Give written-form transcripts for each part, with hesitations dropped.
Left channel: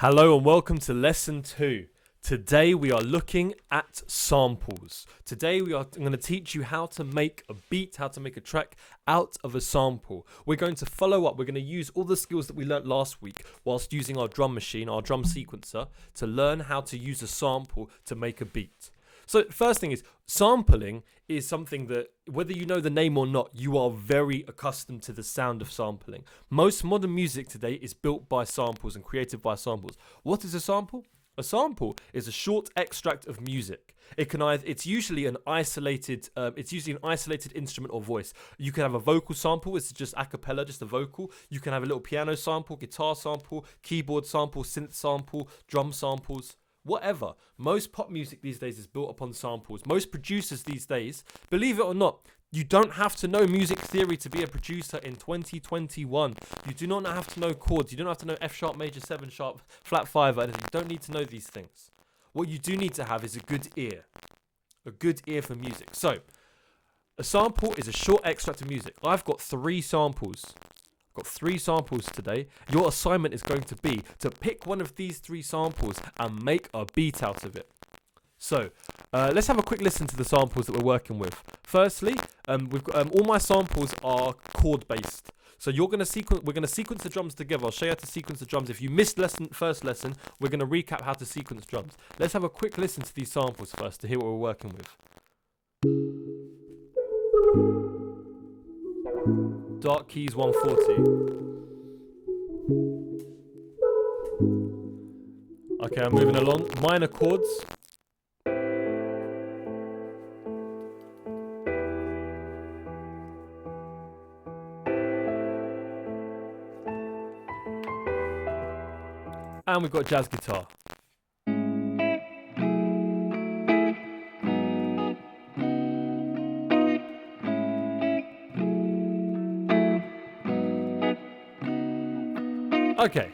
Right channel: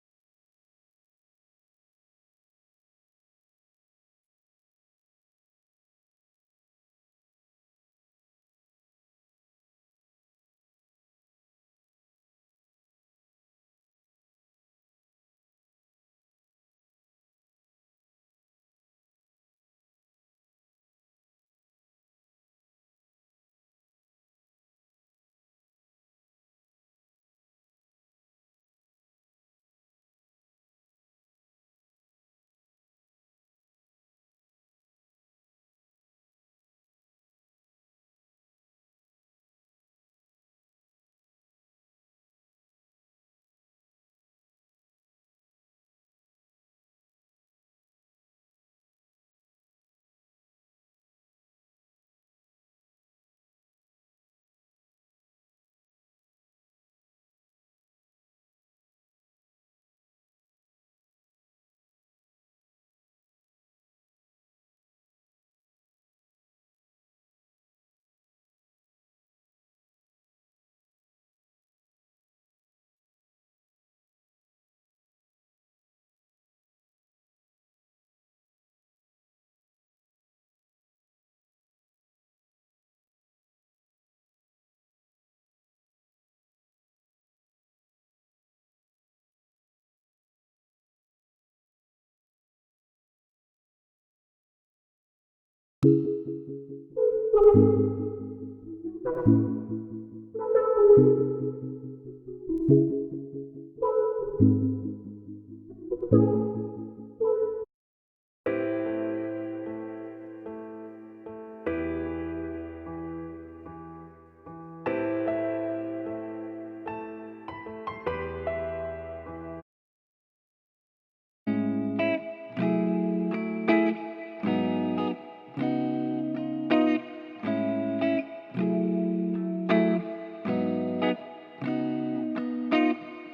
Hello and welcome to lesson 2. Today we are looking at samples. I'm going to teach you how to make a beat, how to make a track out of a sample. We're going to follow up. We're going to use all the skills that we learnt last week whilst using our drum machine, our drum sequencer, to learn how to use a sample to make a beat. So first thing is, sampling is something that, whether you know the name or not, you are very accustomed to the sound of sampling. Most modern music today is built by samples and created by samples. What is a sample? A sample is a short extract of music. It's usually an isolated instrument or voice. You can have a vocal sample, it's just a cappella, just a vocal. You can have a little piano sample, guitar sample, keyboard sample, synth sample, drum samples. Whatever. Most pop music these days is built upon samples. Most producers these days, believe it or not, you don't have to know music theory to be a producer in 2021. You do not have to know chords. You don't have to know F sharp major 7 sharp flat 5 or anything. You don't need to know these things. What you do need to have is a good ear for music. So a sample is a short extract of music. I've got 3 samples. Today. Your assignment is going to be to pick one of these 3 samples and make a beat out of it. So let's have a quick listen to the samples that we're working with. Firstly, we've got all my samples are chord based. So we're going to sequence the drums together. I'll show you how to sequence the drums. If you missed first lesson, we're going to recap how to sequence drums. Let's have a quick listen to these samples first to hear what we're working with. Dark keys 140. Okay, I'm moving along. Minor chords. And we've got jazz guitar. Okay,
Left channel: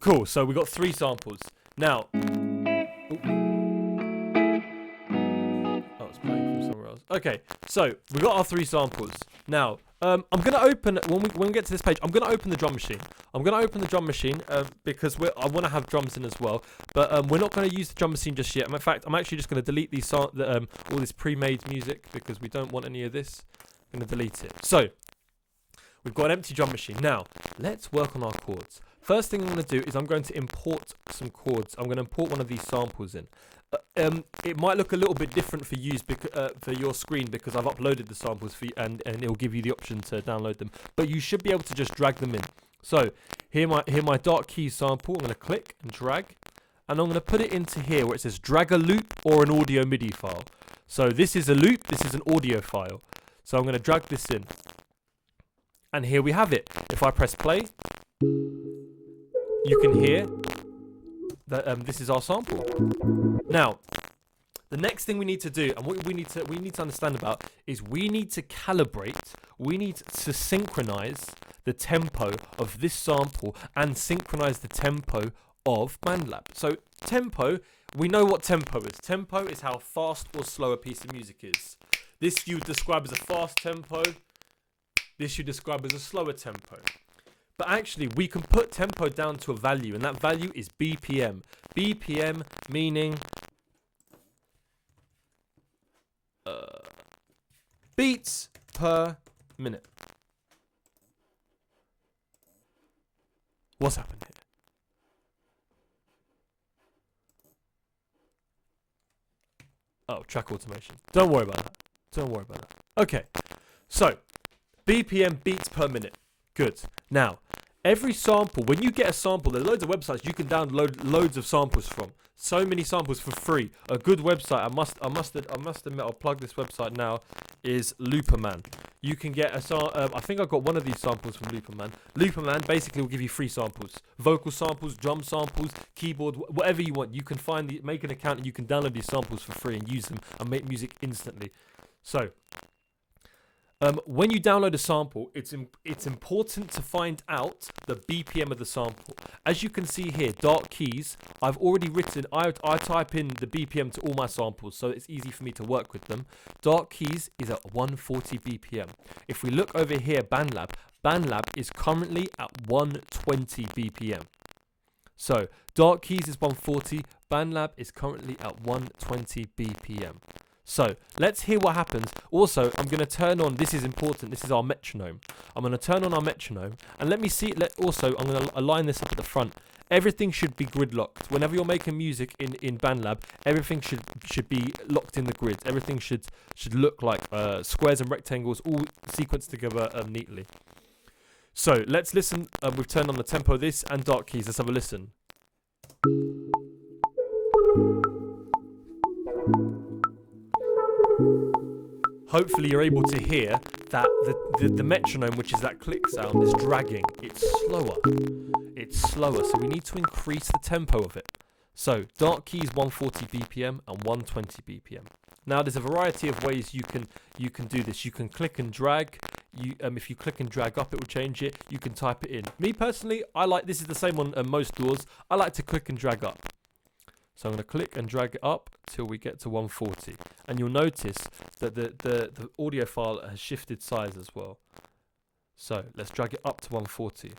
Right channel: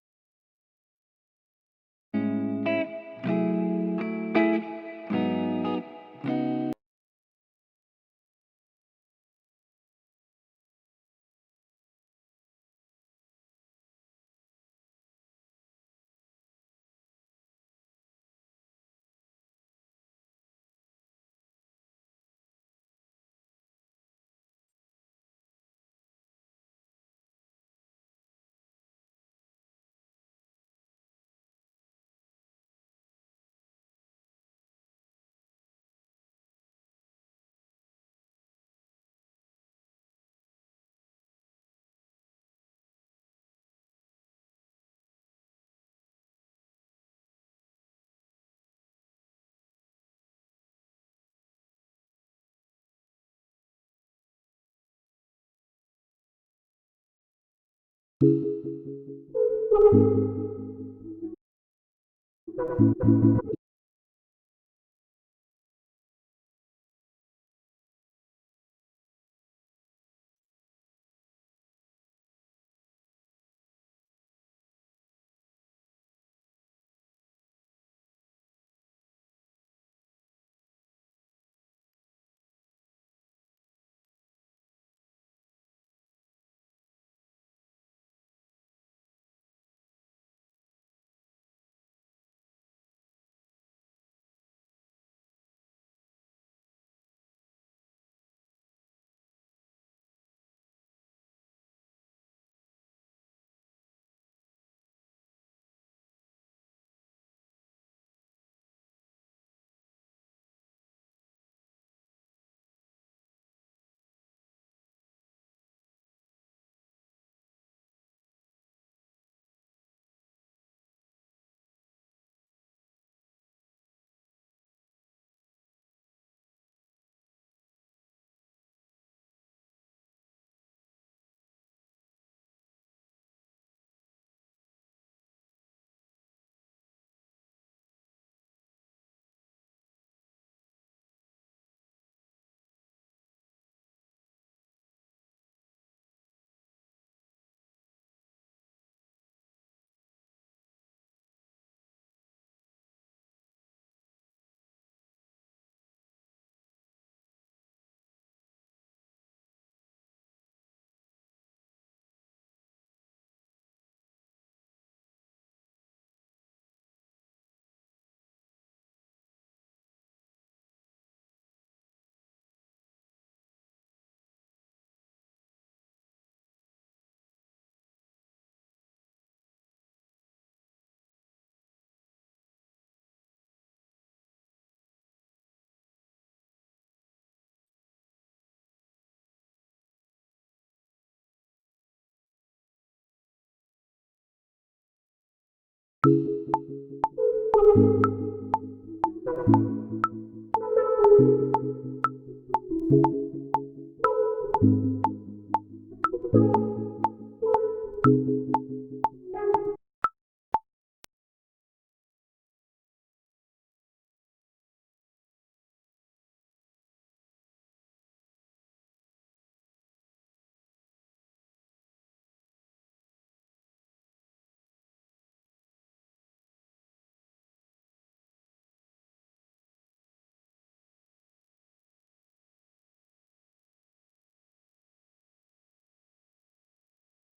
cool. So we got 3 samples. Now, it's playing from somewhere else. Okay, so we got our 3 samples. Now, I'm gonna open when we get to this page. I'm gonna open the drum machine. Because I want to have drums in as well. But we're not going to use the drum machine just yet. In fact, I'm actually just going to delete these all this pre-made music because we don't want any of this. I'm going to delete it. So we've got an empty drum machine. Now, let's work on our chords. First thing I'm going to do is I'm going to import some chords. I'm going to import one of these samples in. It might look a little bit different for your screen because I've uploaded the samples for you and it will give you the option to download them. But you should be able to just drag them in. So, here my dark keys sample. I'm going to click and drag. And I'm going to put it into here where it says drag a loop or an audio MIDI file. So, this is a loop. This is an audio file. So, I'm going to drag this in. And here we have it. If I press play, you can hear that this is our sample. Now, the next thing we need to do, and what we need to understand about, is we need to calibrate, we need to synchronize the tempo of this sample and synchronize the tempo of BandLab. So tempo, we know what tempo is. Tempo is how fast or slow a piece of music is. This you would describe as a fast tempo. This you describe as a slower tempo. But actually, we can put tempo down to a value, and that value is BPM. BPM meaning beats per minute. What's happened here? Oh, track automation. Don't worry about that. Okay, so BPM, beats per minute. Good. Now, every sample, when you get a sample, there are loads of websites you can download loads of samples from. So many samples for free. A good website, I must admit, I'll plug this website now, is Looperman. You can get I think I got one of these samples from Looperman. Looperman basically will give you free samples. Vocal samples, drum samples, keyboard, whatever you want. You can make an account and you can download these samples for free and use them and make music instantly. So, when you download a sample, it's important to find out the BPM of the sample. As you can see here, dark keys, I've already written, I type in the BPM to all my samples, so it's easy for me to work with them. Dark keys is at 140 BPM. If we look over here, BandLab is currently at 120 BPM. So Dark Keys is 140. BandLab is currently at 120 BPM. So let's hear what happens. Also, I'm going to turn on, this is important, this is our metronome. I'm going to turn on our metronome and let me see, also I'm going to align this up at the front. Everything should be grid locked. Whenever you're making music in BandLab, everything should be locked in the grid. Everything should look like squares and rectangles all sequenced together neatly. So let's listen. We've turned on the tempo of this and Dark Keys. Let's have a listen. Hopefully you're able to hear that the metronome, which is that click sound, is dragging. It's slower. It's slower, so we need to increase the tempo of it. So Dark Keys 140 BPM and 120 BPM. Now there's a variety of ways you can do this. You can click and drag. If you click and drag up, it will change it. You can type it in. Me personally, I like, this is the same on most DAWs. I like to click and drag up. So I'm going to click and drag it up till we get to 140. And you'll notice that the audio file has shifted size as well. So let's drag it up to 140.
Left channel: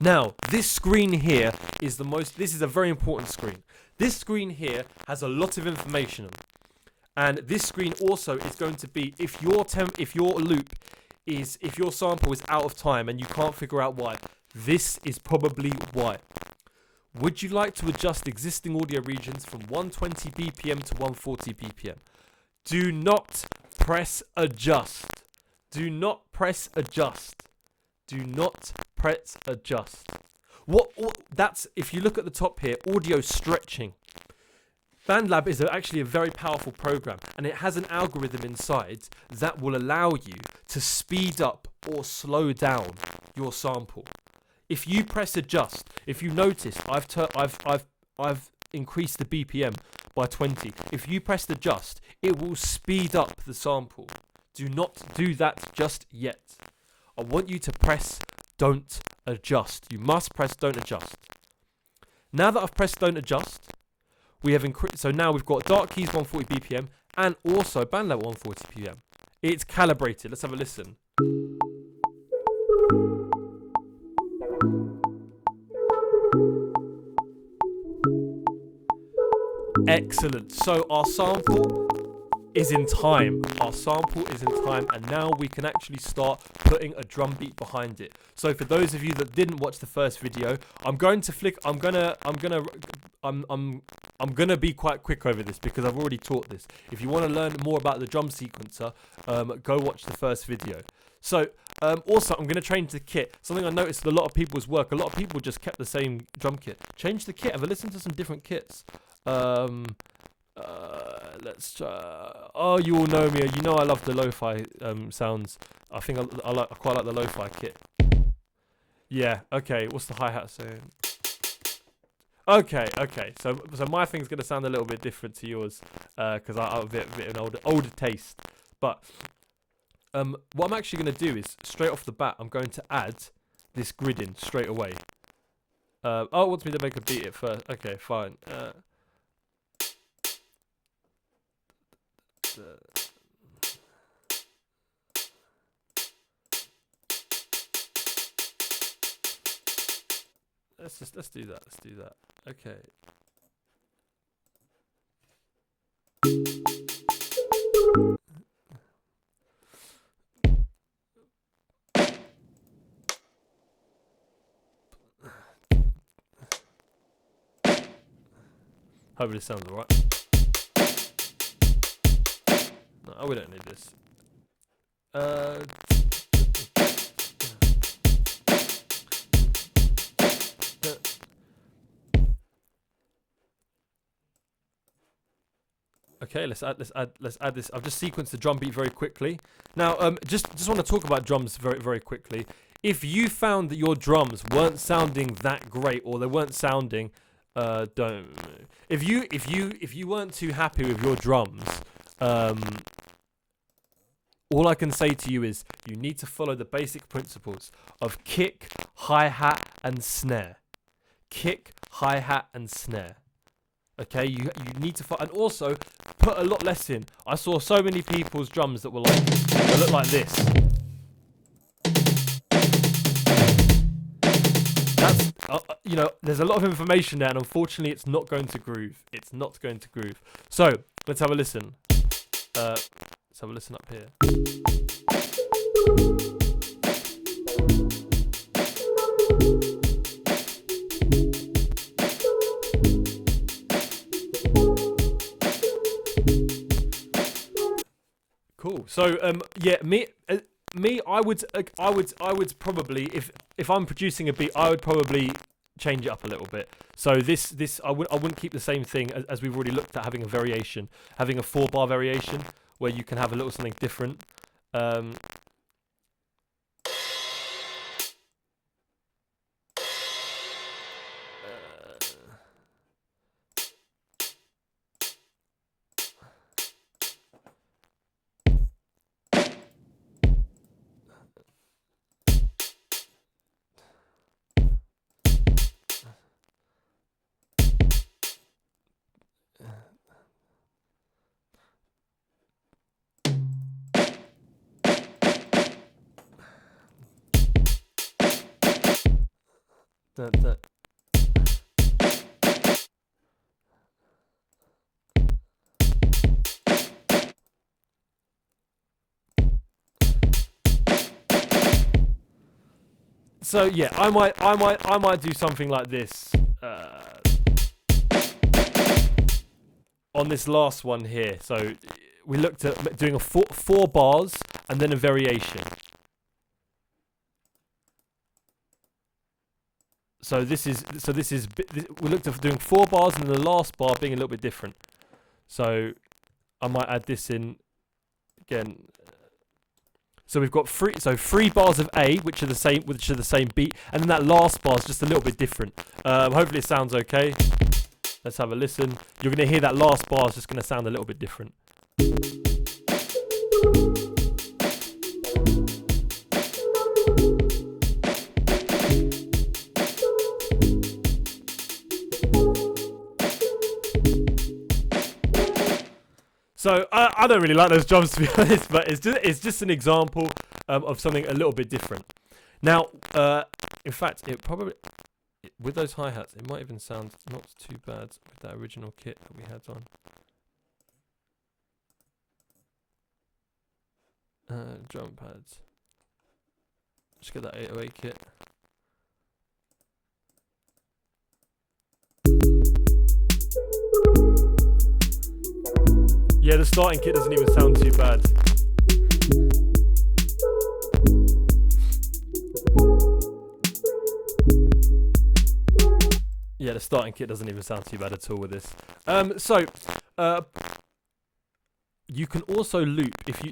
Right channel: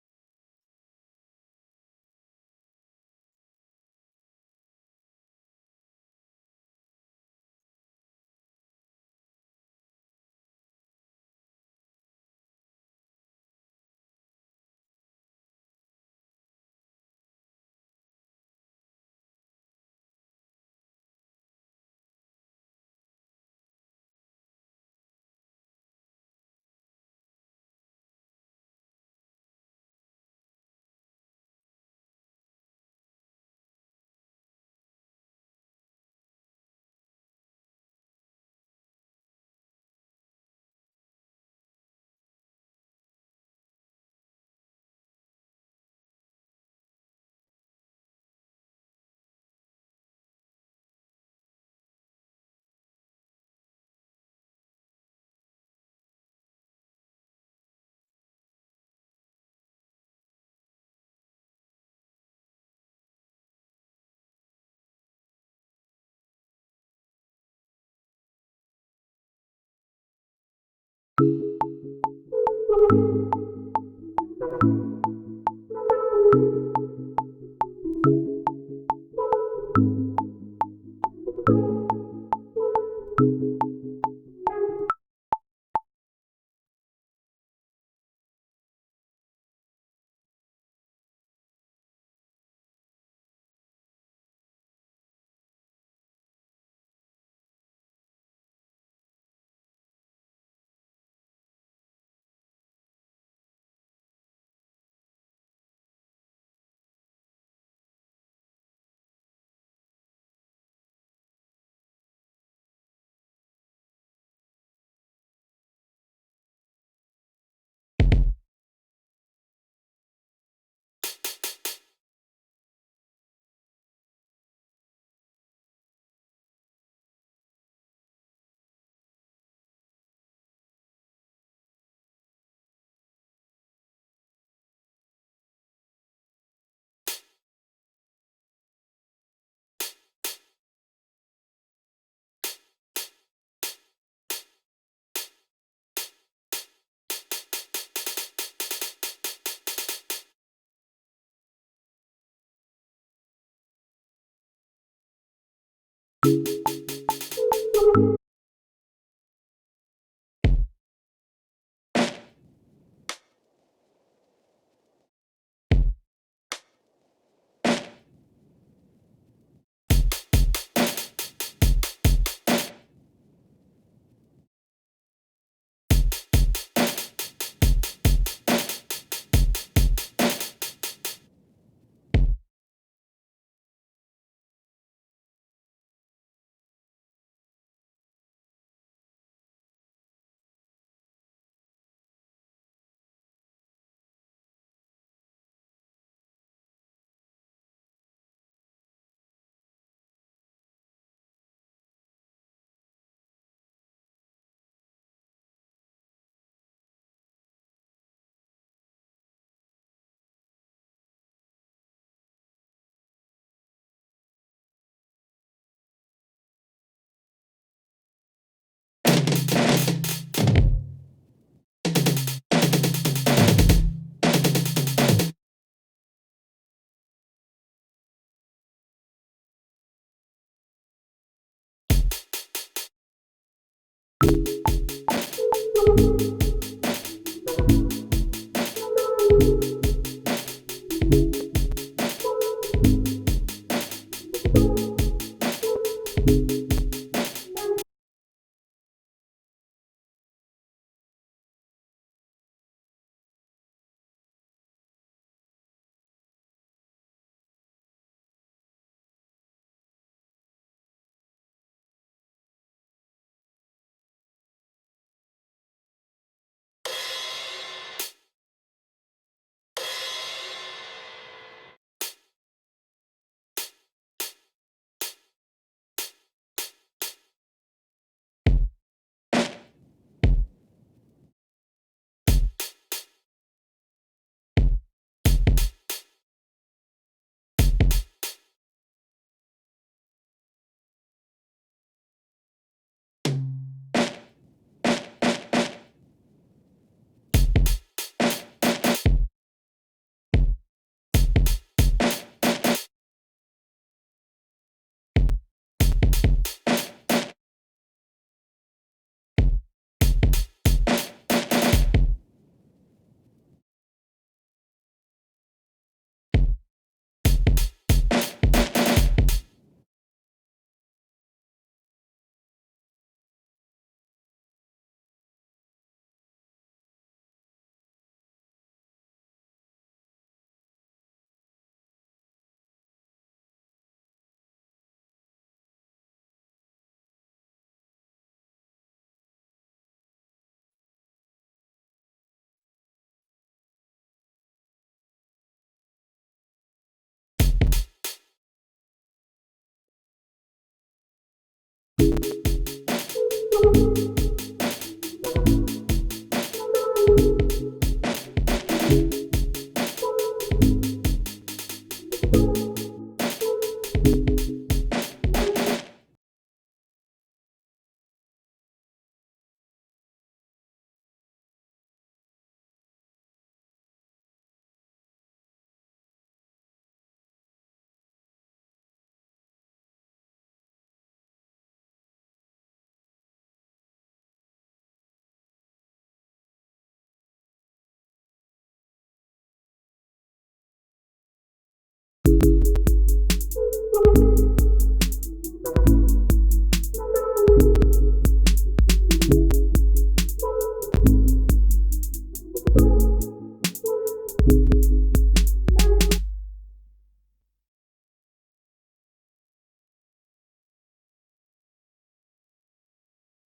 Now, this screen here is this is a very important screen. This screen here has a lot of information on it. And this screen also is going to be, if your sample is out of time and you can't figure out why, this is probably why. Would you like to adjust existing audio regions from 120 BPM to 140 BPM? Do not press adjust. Do not press adjust. Do not press adjust. That's, if you look at the top here, audio stretching. BandLab is actually a very powerful program, and it has an algorithm inside that will allow you to speed up or slow down your sample. If you press adjust, if you notice, I've increased the BPM by 20. If you press adjust, it will speed up the sample. Do not do that just yet. I want you to press don't adjust. You must press don't adjust. Now that I've pressed don't adjust, we have increased. So now we've got Dark Keys 140 BPM and also BandLab 140 BPM. It's calibrated. Let's have a listen. Excellent. So our sample is in time. Our sample is in time, and now we can actually start putting a drum beat behind it. So for those of you that didn't watch the first video, I'm gonna be quite quick over this because I've already taught this. If you want to learn more about the drum sequencer, go watch the first video. So also I'm going to change the kit. Something I noticed in a lot of people's work, a lot of people just kept the same drum kit. Change the kit. Have a listen to some different kits. Let's try. Oh, you all know me. You know I love the lo-fi sounds. I think I quite like the lo-fi kit. Yeah. Okay. What's the hi-hat saying? Okay. So my thing's gonna sound a little bit different to yours, because I'm a bit an older taste. But what I'm actually gonna do is straight off the bat, I'm going to add this grid in straight away. Oh, it wants me to make a beat at first. Okay, fine. Let's do that. Okay. Hopefully it sounds alright. No, we don't need this. Okay, let's add this. I've just sequenced the drum beat very quickly. Now, just want to talk about drums very, very quickly. If you found that your drums weren't sounding that great, or they weren't sounding, if you weren't too happy with your drums, all I can say to you is you need to follow the basic principles of kick, hi-hat, and snare. Kick, hi-hat, and snare. Okay, you need to and also put a lot less in. I saw so many people's drums that were like, they look like this. there's a lot of information there, and unfortunately, it's not going to groove. It's not going to groove. So let's have a listen. Let's have a listen up here. Cool. So I would probably, if I'm producing a beat, I would probably change it up a little bit. So I wouldn't keep the same thing as we've already looked at, having a variation, having a 4-bar variation where you can have a little something different. So yeah, I might do something like this on this last one here. So we looked at doing a four bars and then a variation. So we looked at doing 4 bars and the last bar being a little bit different. So I might add this in again. So we've got 3 bars of A, which are the same beat, and then that last bar is just a little bit different. Hopefully it sounds okay. Let's have a listen. You're gonna hear that last bar is just gonna sound a little bit different. So I don't really like those drums, to be honest, but it's just an example of something a little bit different. Now, in fact, with those hi-hats, it might even sound not too bad with that original kit that we had on. Drum pads. Just get that 808 kit. Yeah, the starting kit doesn't even sound too bad. Yeah, the starting kit doesn't even sound too bad at all with this. You can also loop if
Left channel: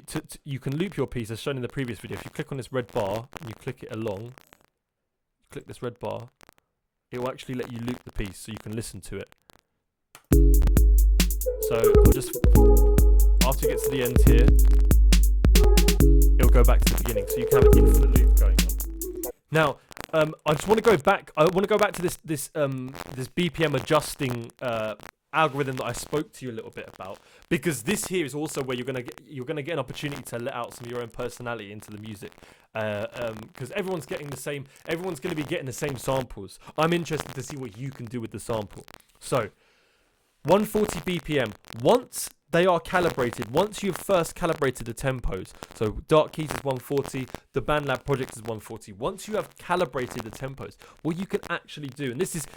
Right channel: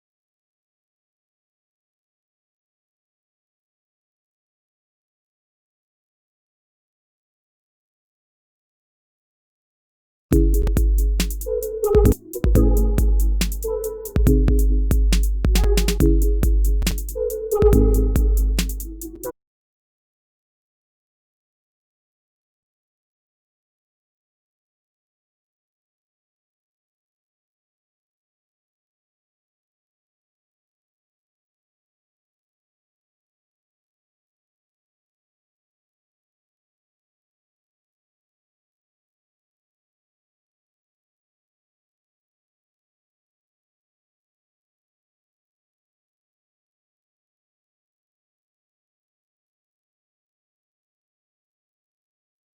you can loop your piece as shown in the previous video. If you click on this red bar and you click it along, click this red bar, it will actually let you loop the piece so you can listen to it. So just after you get to the end here, it'll go back to the beginning, so you can have an infinite loop going on. Now, I just want to go back. I want to go back to this BPM adjusting algorithm that I spoke to you a little bit about, because this here is also where you're gonna get an opportunity to let out some of your own personality into the music, because everyone's going to be getting the same samples. I'm interested to see what you can do with the sample. So 140 BPM. Once they are calibrated, once you've first calibrated the tempos, so Dark Keys is 140, the BandLab project is 140. Once you have calibrated the tempos, what you can actually do, and this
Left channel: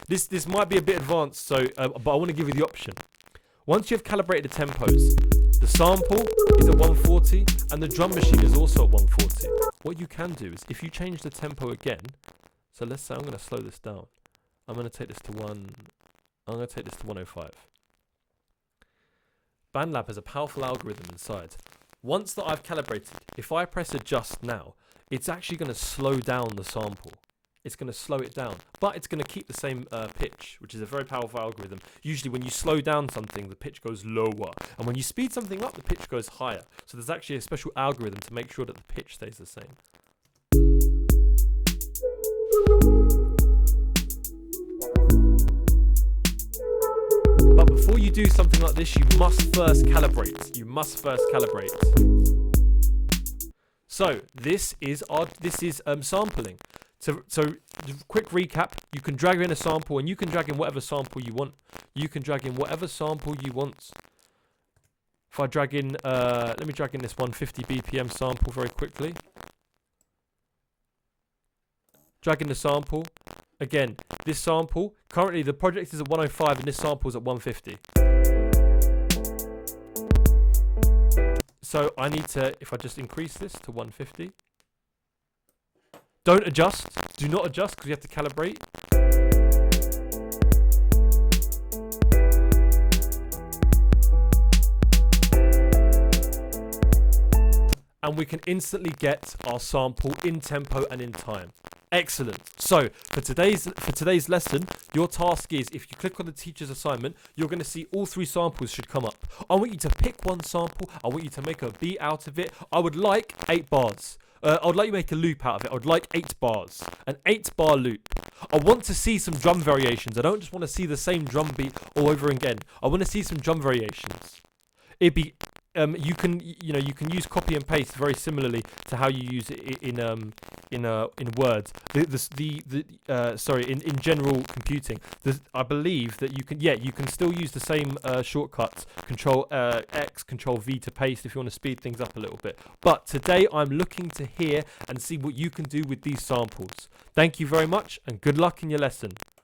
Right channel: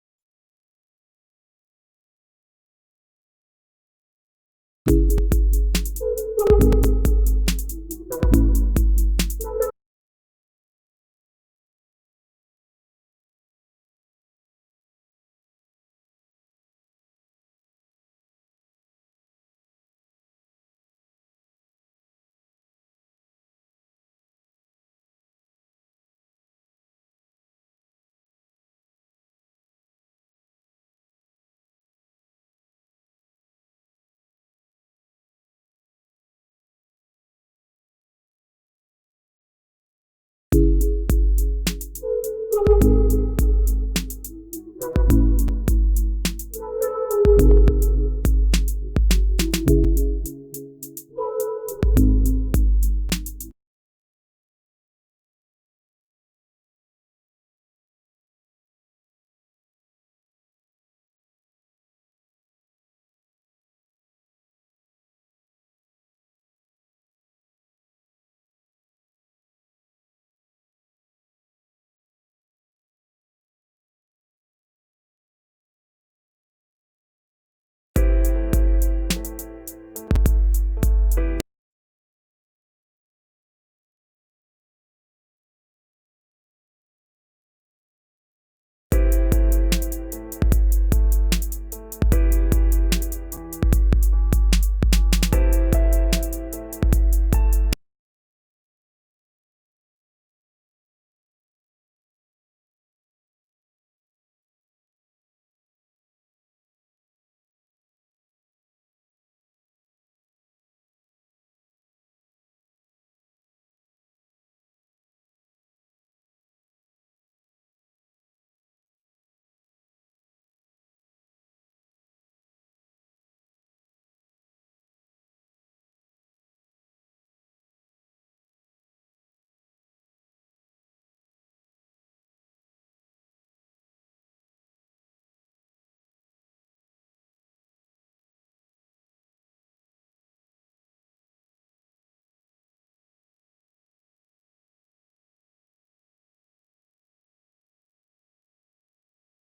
might be a bit advanced, so but I want to give you the option. Once you've calibrated the tempos, the sample is at 140 and the drum machine is also at 140. What you can do is, if you change the tempo again, so let's say I'm going to slow this down. I'm going to take this to 105. BandLab has a powerful algorithm inside. Once that I've calibrated, if I press adjust now, it's actually going to slow down the sample. It's going to slow it down, but it's going to keep the same pitch, which is a very powerful algorithm. Usually when you slow down something, the pitch goes lower, and when you speed something up, the pitch goes higher. So there's actually a special algorithm to make sure that the pitch stays the same. But before you do something like this, you must first calibrate. So this is sampling. So quick recap, you can drag in a sample and you can drag in whatever sample you want. You can drag in whatever sample you want. If I drag in, let me drag in this 150 BPM sample very quickly. Drag in the sample. Again, this sample, currently the project is at 105 and this sample is at 150. So I need to, if I just increase this to 150. Don't adjust. Do not adjust because you have to calibrate. And we can instantly get our sample in tempo and in time. Excellent. So for today's lesson, your task is, if you click on the teacher's assignment, you're going to see all 3 samples should come up. I want you to pick one sample. I want you to make a beat out of it. I would like 8 bars. I would like you to make a loop out of it. I would like 8 bars. An 8-bar loop. I want to see some drum variations. I don't just want to see the same drum beat all over again. I want to see some drum variations. It'd be you can use copy and paste very similarly to how you use it in Word. In general computing, I believe that you can still use the same shortcuts, Control X, Control V to paste if you want to speed things up a little bit. But today I'm looking to hear and see what you can do with these samples. Thank you very much and good luck in your lesson.